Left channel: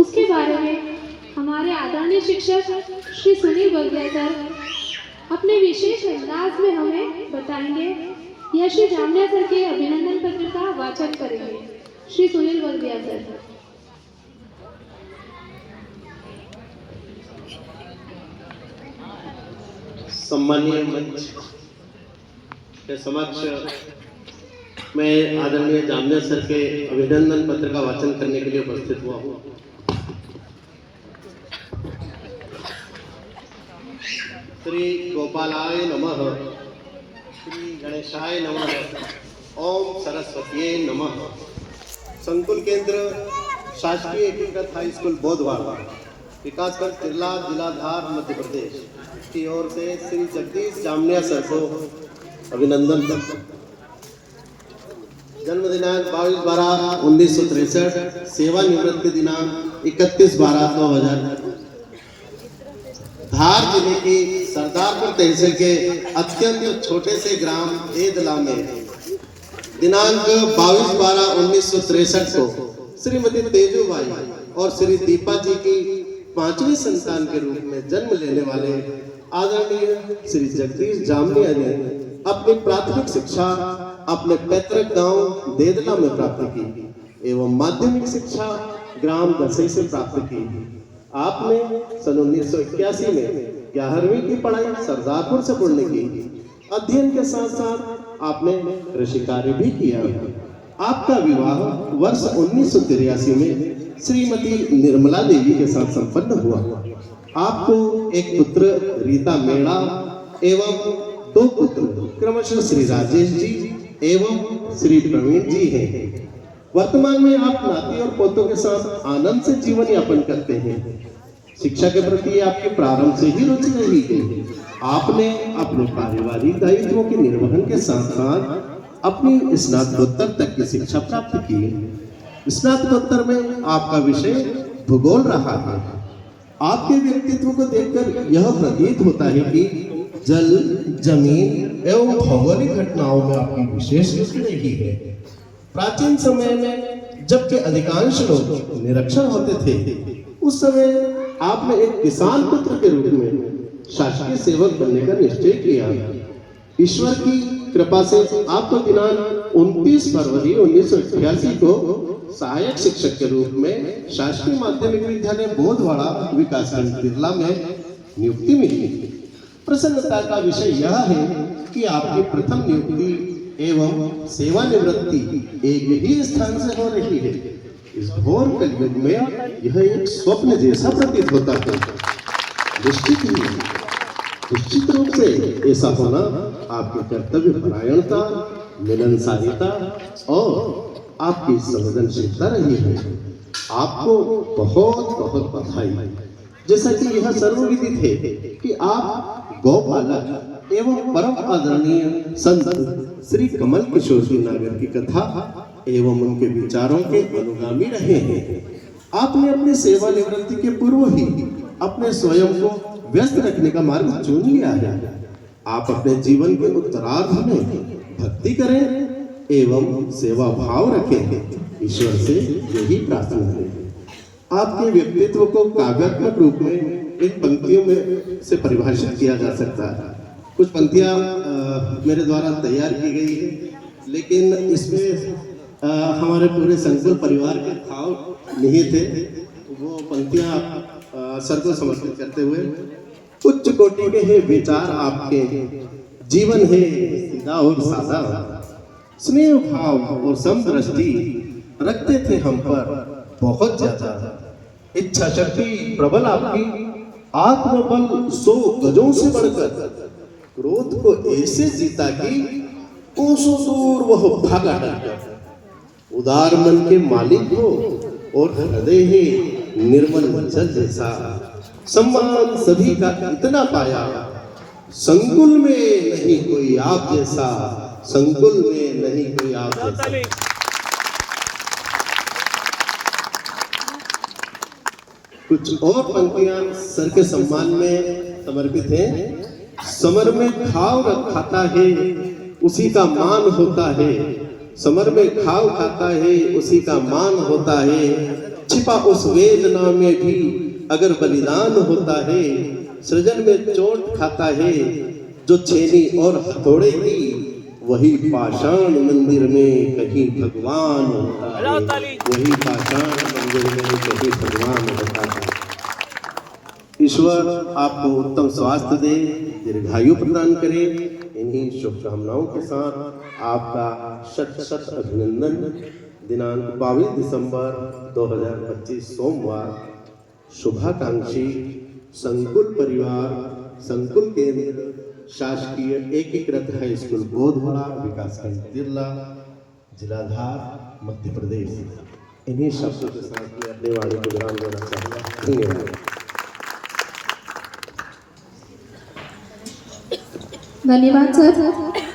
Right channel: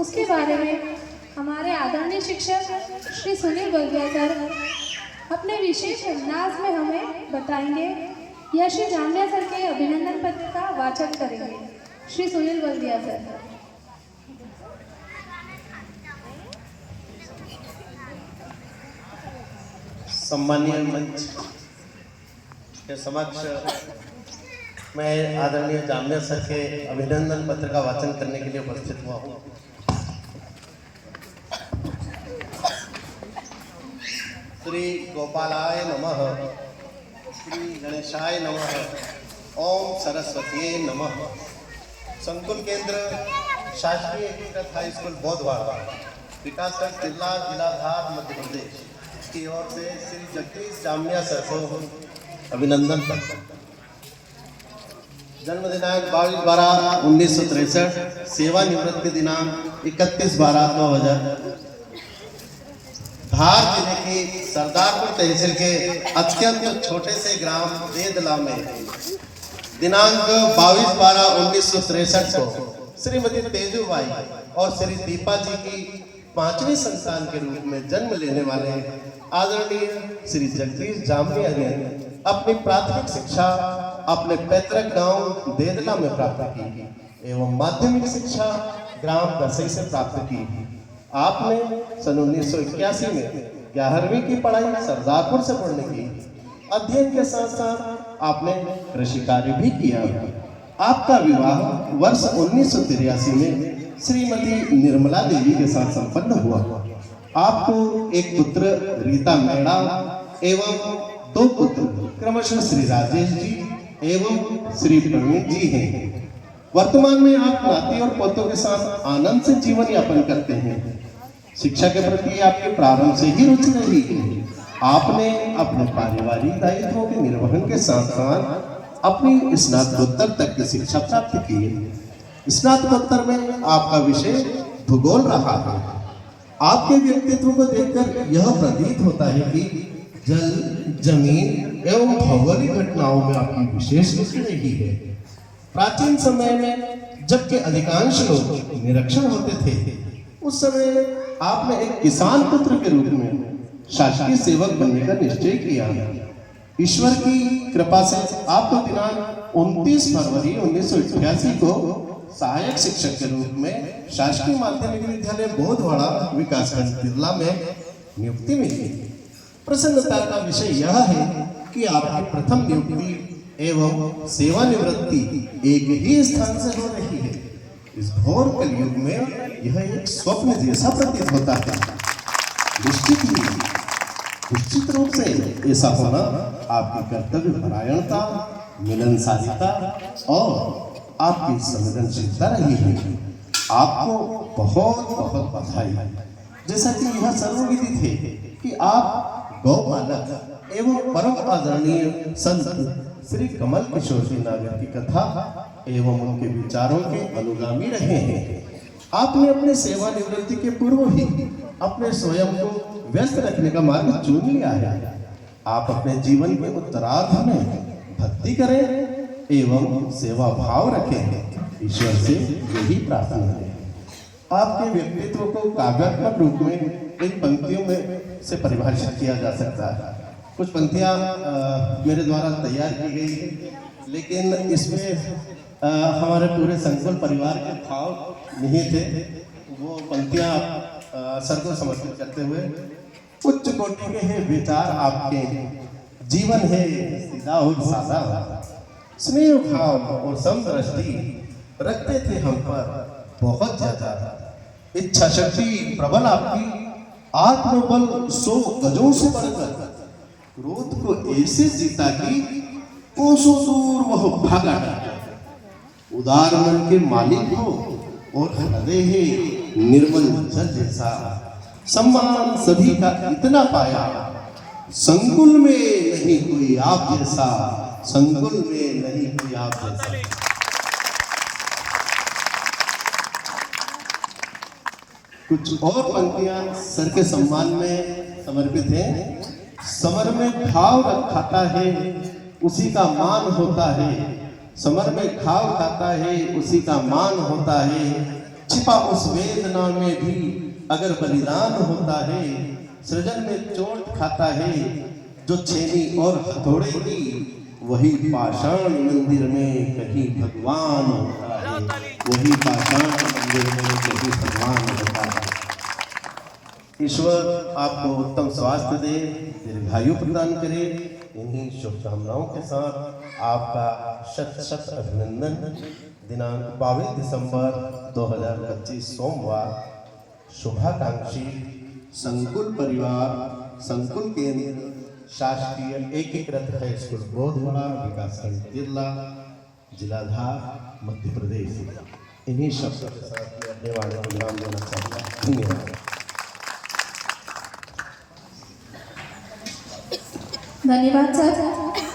उसके बारे में हमारे आदरणीय शिक्षक श्री सुनील बल्दिया सर अपने विशेष अंदाज में हमें बताएंगे या श्री जामिया सर के अभिनंदन पत्र का वाचन करेंगे। श्री सुनील बल्दिया सर। सम्मानीय मंच के समक्ष मैं आदरणीय जामिया सर के अभिनंदन पत्र का वाचन करने के लिए उपस्थित हुआ हूँ। श्री गोपालाय नमः, श्री गणेशाय नमः, ओम सरस्वतीये नमः। संकुल केंद्र शासकीय एकीकृत हाई स्कूल बोधवाड़ा, विकासखंड तिरला, जिला धार, मध्य प्रदेश की ओर से श्री जगदीश जामिया सर को अभिनंदन पत्र। जन्म दिनांक 22/12/1963, सेवानिवृत्ति दिनांक 31/12/2000। धार जिले के सरदारपुर तहसील के अत्यंत छोटे से ग्राम देदला में दिनांक 22/12/1963 को श्रीमती तेजूबाई और श्री दीपा जी की 5वीं संतान के रूप में जन्म लेने वाले आदरणीय श्री जगदीश जामिया ने अपनी प्राथमिक शिक्षा अपने पैतृक गांव देदला में प्राप्त की एवं माध्यमिक शिक्षा ग्राम दसे से प्राप्त की। आपने सन 1981 में 11वीं की पढ़ाई सरदारपुर से पढ़ने की। अध्ययन के साथ साथ आपने कृषि कार्य भी किया। आपका विवाह वर्ष 1983 में श्रीमती निर्मला देवी के साथ संपन्न हुआ। आपको एक पुत्र रीता मेड़ा एवं 2 पुत्र क्रमशः श्री राजेश जी एवं श्री प्रवीण जी हैं। वर्तमान में आप नाती और पोतों के साथ आनंद से जीवन यापन करते हैं। शिक्षा के प्रति आपके प्रारंभ से ही रुचि रही है। आपने अपने पारिवारिक दायित्वों के निर्वहन के साथ साथ अपनी स्नातकोत्तर तक की शिक्षा प्राप्त की। स्नातकोत्तर में आपका विषय भूगोल रहा है। आपके व्यक्तित्व को देखकर यह प्रतीत होता है कि जल, जमीन एवं भौगोलिक घटनाओं में आपकी विशेष रुचि रही है। प्राचीन समय में जबकि अधिकांश लोग निरक्षर होते थे, उस समय आपने एक किसान पुत्र के रूप में शासकीय सेवक बनने का निश्चय किया। ईश्वर की कृपा से आपको दिनांक 29 फरवरी 1988 को सहायक शिक्षक के रूप में शासकीय माध्यमिक विद्यालय बोधवाड़ा, विकासखंड तिरला में नियुक्ति मिली। प्रसन्नता का विषय यह है कि आपकी प्रथम नियुक्ति एवं सेवानिवृत्ति एक ही स्थान से हो रही है। इस घोर कलयुग में यह एक स्वप्न जैसा प्रतीत होता है। निश्चित रूप से ऐसा होना आपकी कर्तव्य परायणता, मिलनसारिता और आपकी संवेदनशीलता रही है। आपको बहुत बहुत बधाई। जैसा कि यह सर्वविदित है कि आप गौपालक एवं परम आदरणीय संत श्री कमल किशोर जी नागर की कथा एवं उनके विचारों के अनुगामी रहे हैं। आपने अपनी सेवानिवृत्ति के पूर्व ही अपने स्वयं को व्यस्त रखने का मार्ग चुन लिया है। आप अपने जीवन के उत्तरार्ध में भक्ति करें एवं सेवा भाव रखें। ईश्वर से यही प्रार्थना है। आपके व्यक्तित्व को काव्यात्मक रूप में इन पंक्तियों में से परिभाषित किया जा सकता है। कुछ पंक्तियां मेरे द्वारा तैयार की गई है, लेकिन इसमें हमारे पूरे संकुल परिवार के भाव नहीं थे। वो पंक्तियां सर को समर्पित करते हुए, उच्च कोटि के हैं विचार आपके, जीवन है सीधा और सादा, स्नेह भाव और समदृष्टि रखते थे हम पर बहुत ज्यादा। इच्छा शक्ति प्रबल आपकी, आत्मबल 100 गजों से बढ़कर, क्रोध को ऐसे जीता कि कोसों दूर वह भागा डरकर। उदार मन के मालिक हो और हृदय है निर्मल जल जैसा। सम्मान सभी का इतना पाया, संकुल में नहीं कोई आप जैसा, संकुल में नहीं कोई आप जैसा। कुछ और पंक्तियां सर के सम्मान में समर्पित हैं। समर में खाव खाता है उसी का मान होता है, समर में खाव खाता है उसी का मान होता है। छिपा उस वेदना में भी अगर बलिदान होता है, सृजन में चोट खाता है जो छेनी और हथौड़े की, वही पाषाण मंदिर में कहीं भगवान होता है, वही पाषाण मंदिर में कहीं भगवान होता है। ईश्वर आपको उत्तम स्वास्थ्य दे, दीर्घायु प्रदान करे। इन्हीं शुभकामनाओं के साथ आपका शत शत अभिनंदन। दिनांक 22 दिसंबर 2025 सोमवार। शुभाकांक्षी संकुल परिवार, संकुल केंद्र, शासकीय एकीकृत हाई स्कूल बोधवरा, विकासखंड जिला, जिलाधार, मध्य प्रदेश। इन्हीं शब्दों के साथ मैं अपनी वाणी को विराम देना चाहूँगा। धन्यवाद सर।